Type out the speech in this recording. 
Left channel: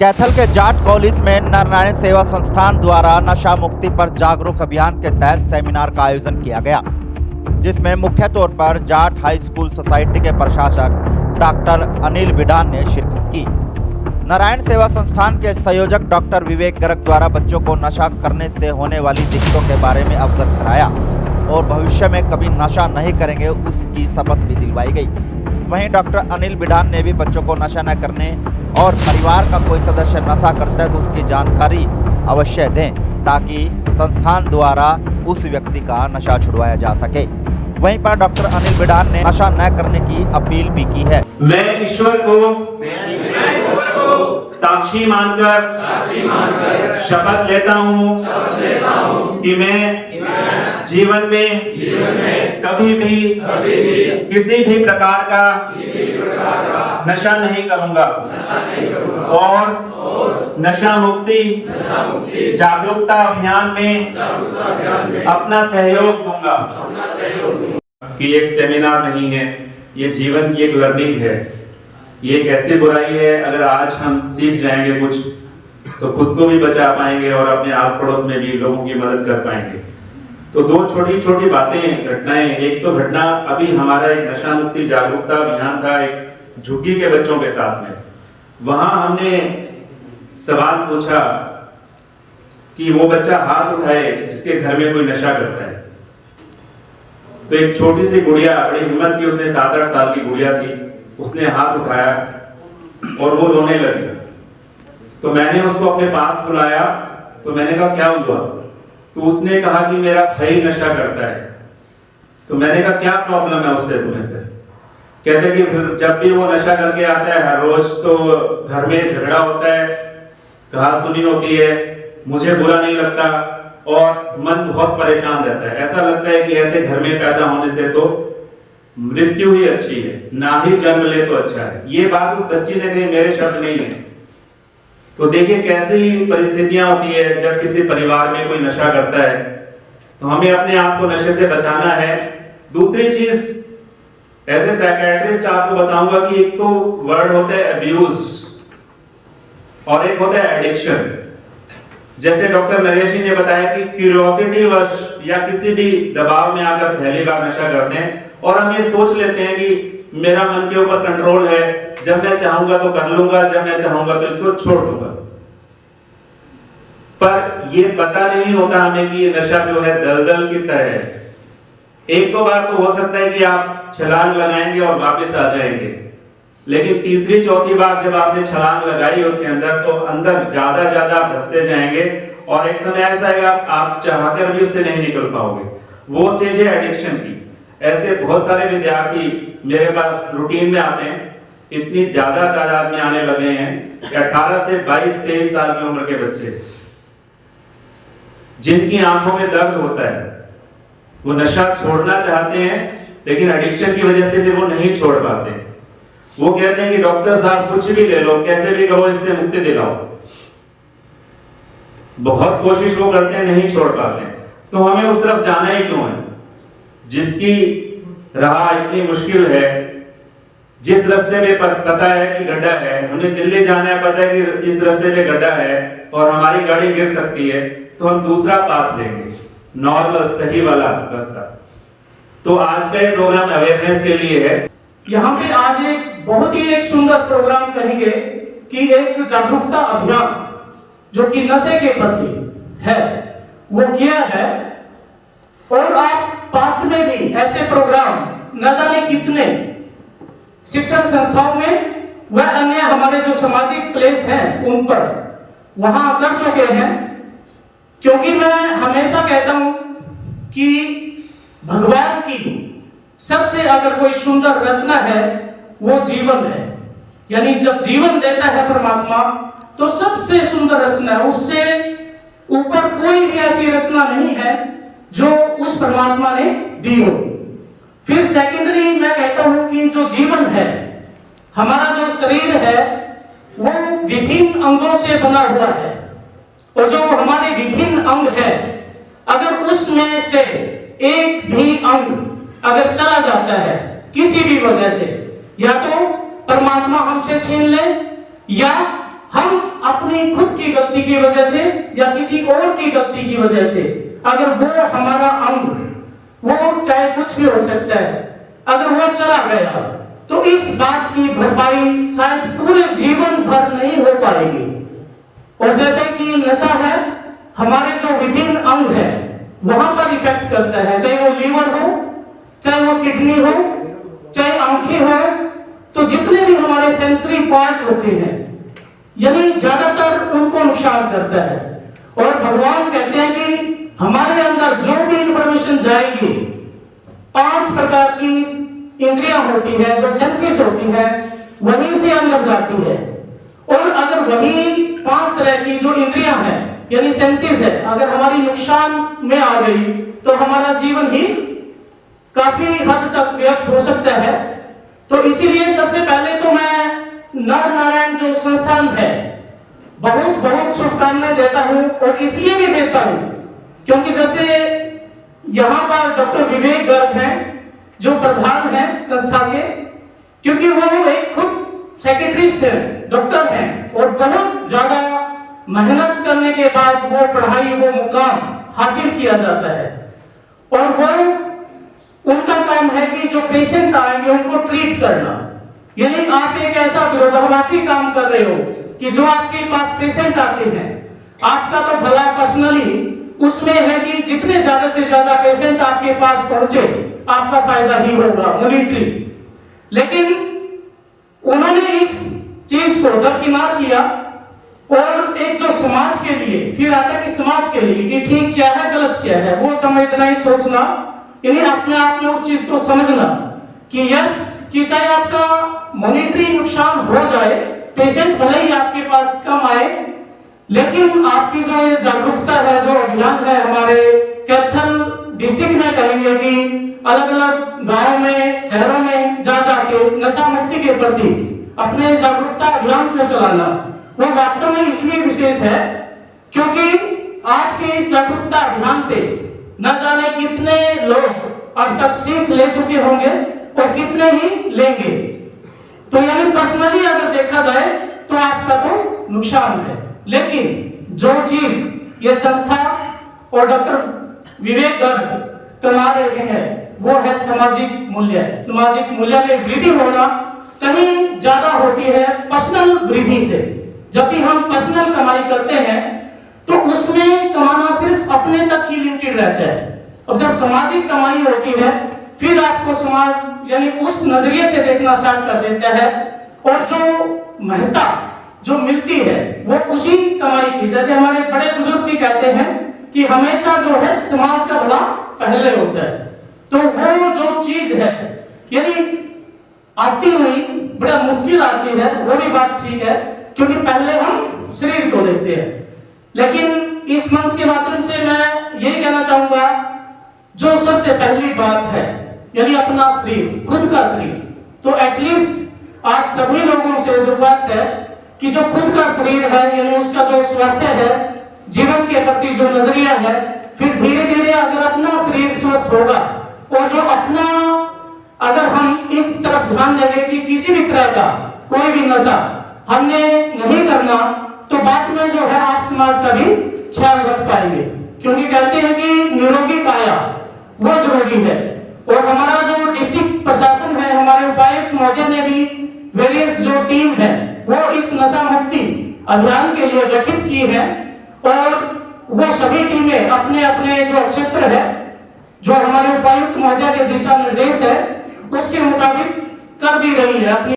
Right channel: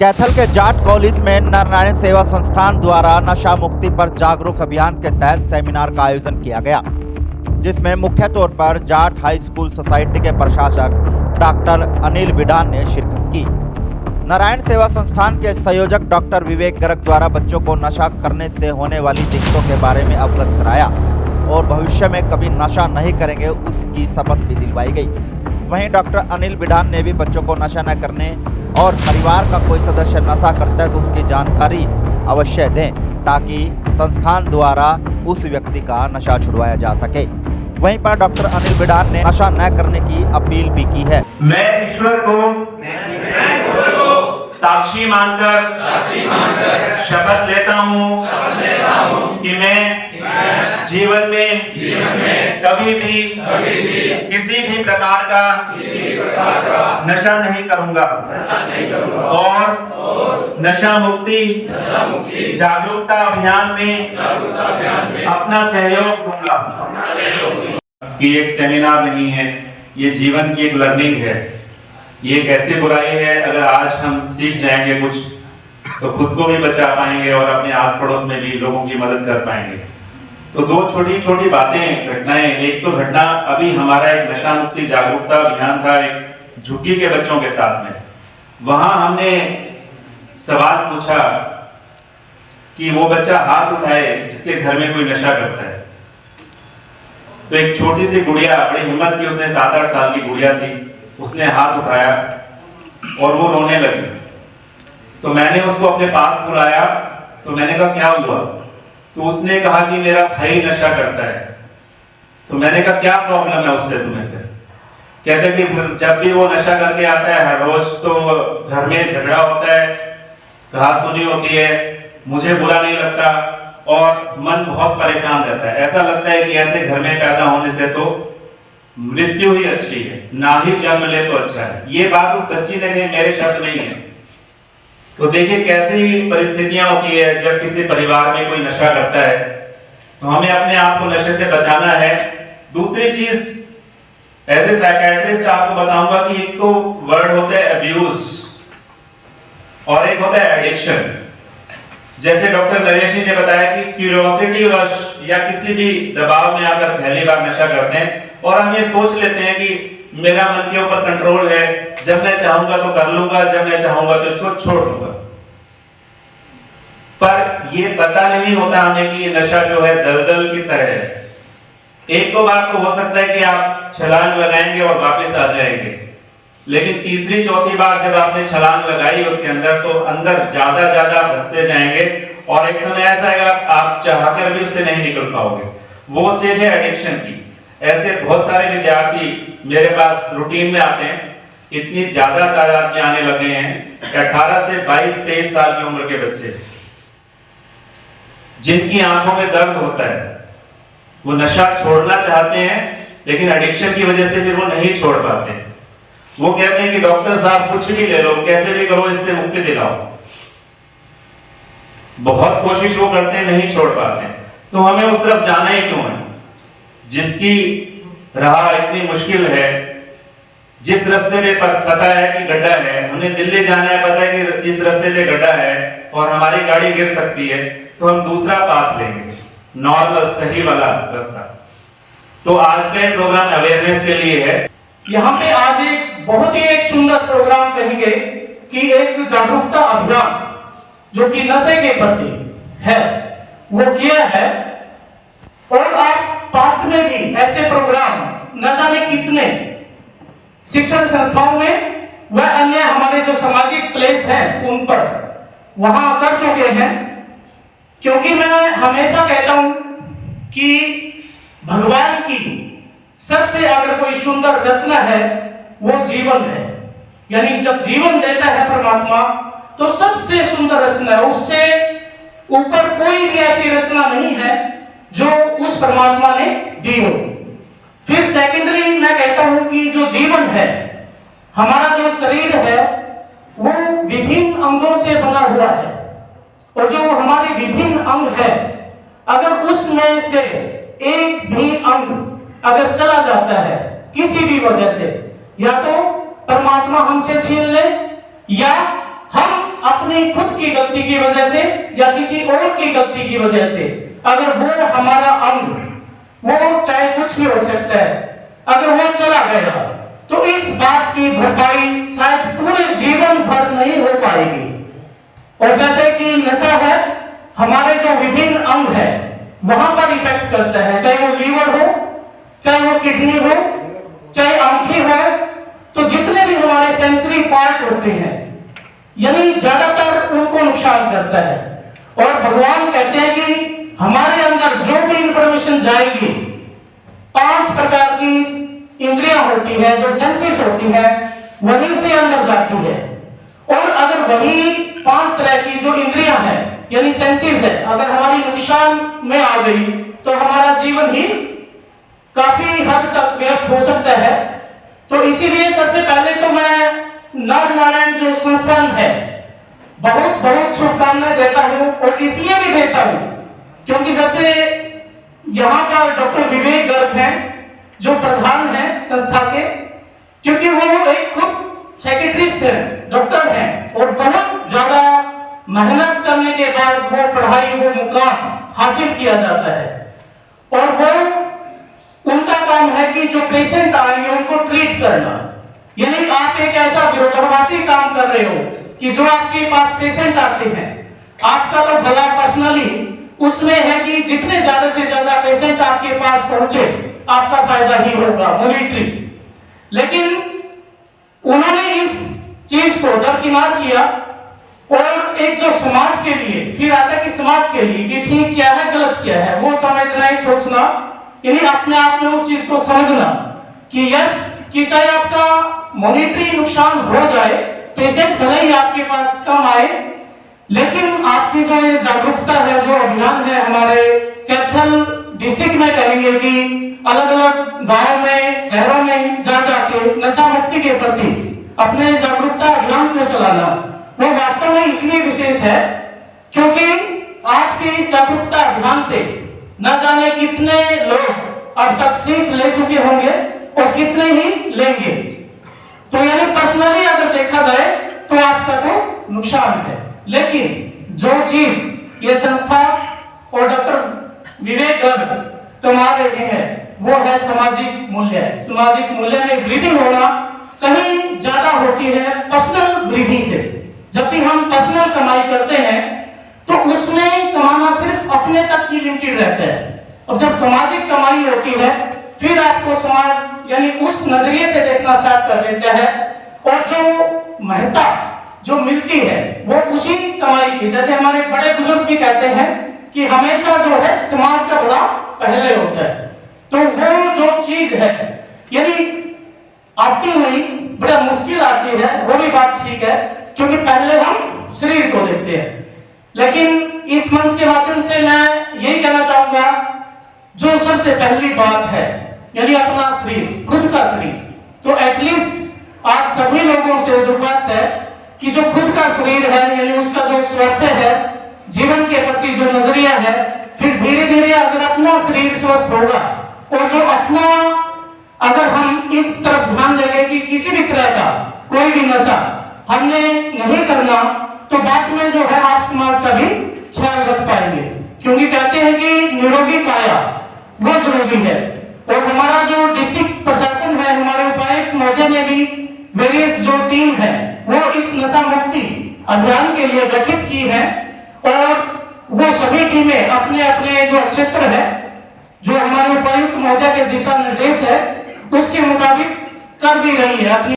कैथल के जाट कॉलेज में नारायण सेवा संस्थान द्वारा नशा मुक्ति पर जागरूक अभियान के तहत सेमिनार का आयोजन किया गया, जिसमें मुख्य तौर पर जाट हाई स्कूल सोसाइटी के प्रशासक डॉक्टर अनिल बिडान ने शिरकत की। नारायण सेवा संस्थान के संयोजक डॉक्टर विवेक गर्ग द्वारा बच्चों को नशा करने से होने वाली दिक्कतों के बारे में अवगत कराया और भविष्य में कभी नशा नहीं करेंगे उसकी शपथ भी दिलवाई गई। वहीं डॉक्टर अनिल बिडान ने भी बच्चों को नशा न करने और परिवार का कोई सदस्य नशा करता है तो उसकी जानकारी अवश्य दें ताकि संस्थान द्वारा उस व्यक्ति का नशा छुड़वाया जा सके। वहीं पर डॉक्टर अनिल बिडान ने नशा न करने की अपील भी की है। मैं ईश्वर को साक्षी मानकर शपथ लेता हूँ कि मैं जीवन में कभी भी किसी भी प्रकार का नशा नहीं करूंगा और नशा मुक्ति जागरूकता अभियान में अपना सहयोग दूंगा। कि एक सेमिनार नहीं है, ये जीवन की एक लर्निंग है। ये एक ऐसी बुराई है, अगर आज हम सीख जाएंगे कुछ तो खुद को भी बचा पाएंगे और अपने आस पड़ोस में भी लोगों की मदद कर पाएंगे। तो दो छोटी छोटी बातें घटनाएं, एक तो घटना अभी हमारा एक नशा मुक्ति जागरूकता अभियान था एक झुग्गी के बच्चों के साथ में। वहां हमने सवाल पूछा कि वो बच्चा हाथ उठाए जिसके घर में कोई नशा करता है। तो एक छोटी सी गुड़िया, बड़ी हिम्मत की, उसने 7-8 साल की गुड़िया थी, उसने हाथ उठाया और वो रोने लगी। तो मैंने उसको अपने पास बुलाया, तो मैंने कहा क्या हुआ? तो उसने कहा कि मेरा भाई नशा करता है। तो मैंने कहा क्या प्रॉब्लम है उससे तुम्हें? फिर कहते कि फिर जब भी वो नशा करके आता है हर रोज तो घर में झगड़ा होता है, कहा सुनी होती है, मुझे बुरा नहीं लगता और मन बहुत परेशान रहता है। ऐसा लगता है कि ऐसे घर में पैदा होने से तो मृत्यु ही अच्छी है, ना ही जन्म ले तो अच्छा है। ये बात उस बच्ची ने कही, मेरे शब्द नहीं है। तो देखिए कैसी परिस्थितियां होती है जब किसी परिवार में कोई नशा करता है, तो हमें अपने आप को नशे से बचाना है। दूसरी चीज, एज ए साइकियाट्रिस्ट आपको बताऊंगा कि एक तो वर्ड होता है अब्यूज और एक होता है एडिक्शन। जैसे डॉक्टर नरेश जी ने बताया कि क्यूरियोसिटी वश या किसी भी दबाव में आकर पहली बार नशा करते हैं और हम ये सोच लेते हैं कि मेरा मन के ऊपर कंट्रोल है, जब मैं चाहूंगा तो कर लूंगा, जब मैं चाहूंगा तो इसको छोड़ दूंगा। पर ये पता नहीं होता हमें कि ये नशा जो है दलदल की तरह है। एक दो बार तो हो सकता है कि आप छलांग लगाएंगे और वापस आ जाएंगे, लेकिन तीसरी चौथी बार जब आपने छलांग लगाई उसके अंदर, तो अंदर ज्यादा आप धंसते जाएंगे और एक समय ऐसा आएगा आप चाहकर भी उससे नहीं निकल पाओगे। वो स्टेज है एडिक्शन की। ऐसे बहुत सारे विद्यार्थी मेरे पास रूटीन में आते हैं, इतनी ज्यादा तादाद में आने लगे हैं, 18 से 22-23 साल की उम्र के बच्चे, जिनकी आंखों में दर्द होता है। वो नशा छोड़ना चाहते हैं लेकिन एडिक्शन की वजह से फिर वो नहीं छोड़ पाते। वो कहते हैं कि डॉक्टर साहब कुछ भी ले लो, कैसे भी करो, इससे मुक्ति दिलाओ। बहुत कोशिश वो करते हैं, नहीं छोड़ पाते। तो हमें उस तरफ जाना ही क्यों है? जिसकी राह इतनी मुश्किल है, जिस रास्ते पे पता है कि गड्ढा है, हमें दिल्ली जाना है, पता है कि इस रास्ते पे गड्ढा है और हमारी गाड़ी गिर सकती है, तो हम दूसरा पाथ लेंगे, नॉर्मल सही वाला रास्ता। तो आज का ये प्रोग्राम अवेयरनेस के लिए है। यहाँ पे आज एक बहुत ही एक सुंदर प्रोग्राम कहेंगे कि एक जागरूकता अभियान जो कि नशे के प्रति है वो किया है। और आप पास्ट में भी ऐसे प्रोग्राम न जाने कितने शिक्षण संस्थाओं में व अन्य हमारे जो सामाजिक प्लेस हैं उन पर वहां कर चुके हैं। क्योंकि मैं हमेशा कहता हूं कि भगवान की सबसे अगर कोई सुंदर रचना है वो जीवन है। यानी जब जीवन देता है परमात्मा तो सबसे सुंदर रचना है, उससे ऊपर कोई भी ऐसी रचना नहीं है जो उस परमात्मा ने दी हो। फिर सेकेंडरी मैं कहता हूं कि जो जीवन है, हमारा जो शरीर है वो विभिन्न अंगों से बना हुआ है और जो हमारे विभिन्न अंग है, अगर उसमें से एक भी अंग अगर चला जाता है किसी भी वजह से, या तो परमात्मा हमसे छीन ले या हम अपनी खुद की गलती की वजह से या किसी और की गलती की वजह से अगर वो हमारा अंग, वो चाहे कुछ भी हो सकता है, अगर वो चला गया तो इस बात की भरपाई शायद पूरे जीवन भर नहीं हो पाएगी। और जैसे कि नशा है, हमारे जो विभिन्न अंग है वहां पर इफेक्ट करता है, चाहे वो लीवर हो, चाहे वो किडनी हो, चाहे आंखें हो, तो जितने भी हमारे सेंसरी पार्ट होते हैं यानी ज्यादातर उनको नुकसान करता है। और भगवान कहते हैं कि हमारे अंदर जो भी इंफॉर्मेशन जाएगी, 5 प्रकार की इंद्रियां होती है, जो सेंसेस होती है, वहीं से अंदर जाती है। और अगर वही 5 तरह की जो इंद्रियां हैं यानी सेंसेस है, अगर हमारी नुकसान में आ गई तो हमारा जीवन ही काफी हद तक व्यर्थ हो सकता है। तो इसीलिए सबसे पहले तो मैं नर नारायण जो संस्थान है बहुत बहुत शुभकामनाएं देता हूं, और इसलिए भी देता हूं क्योंकि जैसे यहां पर डॉक्टर विवेक गर्ग हैं जो प्रधान हैं संस्था के, क्योंकि वो एक खुद सेक्रेटरिस्ट है, डॉक्टर हैं, और बहुत ज्यादा मेहनत करने के बाद वो पढ़ाई, वो मुकाम हासिल किया जाता है। और वो उनका काम है कि जो पेशेंट आएंगे उनको ट्रीट करना, यानी आप एक ऐसा विरोधाभासी काम कर रहे हो कि जो आपके पास पेशेंट आते हैं, आपका तो भला पर्सनली उसमें है कि जितने ज्यादा से ज्यादा पेशेंट आपके पास पहुंचे आपका फायदा ही होगा मॉनिटरी। लेकिन उन्होंने इस चीज को दरकिनार किया और एक जो समाज के लिए, फिर आता कि समाज के लिए कि ठीक क्या है गलत क्या है वो समझना ही सोचना, यानी अपने आप में उस चीज को समझना कि यस कि चाहे आपका मॉनिटरी नुकसान हो जाए, पेशेंट भले ही आपके पास कम आए, लेकिन आपकी जो जागरूकता है, जो अभियान है हमारे कैथल डिस्ट्रिक्ट में कहेंगे कि अलग अलग गांव में, शहरों में जा जाके नशा मुक्ति के प्रति अपने जागरूकता अभियान को चलाना, वो वास्तव में इसलिए विशेष है क्योंकि आपके इस जागरूकता अभियान से न जाने कितने लोग अब तक सीख ले चुके होंगे और कितने ही लेंगे। तो यानी पर्सनली अगर देखा जाए तो आपका तो नुकसान है, लेकिन जो चीज ये संस्था और डॉक्टर विवेक गर्ग कमा रहे हैं वो है सामाजिक मूल्य। सामाजिक मूल्य में वृद्धि होना कहीं ज्यादा होती है पर्सनल वृद्धि से। जब भी हम पर्सनल कमाई करते हैं तो उसमें कमाना सिर्फ अपने तक ही लिमिटेड रहता है, और जब सामाजिक कमाई होती है फिर आपको समाज यानी उस नजरिए से देखना स्टार्ट कर देता है, और जो महत्ता जो मिलती है वो उसी कमाई की। जैसे हमारे बड़े बुजुर्ग भी कहते हैं कि हमेशा जो है समाज का भला पहले होता है, तो वो जो चीज है यानी आती नहीं, बड़ा मुश्किल आती है, वो भी बात ठीक है क्योंकि पहले हम शरीर को देखते हैं। लेकिन इस मंच के माध्यम से मैं यही कहना चाहूंगा, जो सबसे पहली बात है यानी अपना शरीर, खुद का शरीर, तो एटलीस्ट आप सभी लोगों से दरख्वास्त है कि जो खुद का शरीर है यानी उसका जो स्वास्थ्य है, जीवन के प्रति जो नजरिया है, फिर धीरे धीरे अगर अपना शरीर स्वस्थ होगा और जो अपना अगर हम इस तरफ ध्यान देंगे कि किसी भी तरह का कोई भी नशा हमने नहीं करना, तो बाद में जो है आप समाज का भी ख्याल रख पाएंगे। क्योंकि कहते हैं कि निरोगी काया वो जरूरी है। और हमारा जो डिस्ट्रिक्ट प्रशासन है, हमारे उपायुक्त महोदय ने भी वेरियस जो टीम है वो इस नशा मुक्ति अभियान के लिए गठित की है, और वो सभी टीमें अपने अपने जो क्षेत्र है, जो हमारे उपायुक्त महोदय के दिशा निर्देश है उसके मुताबिक कर भी रही है अपनी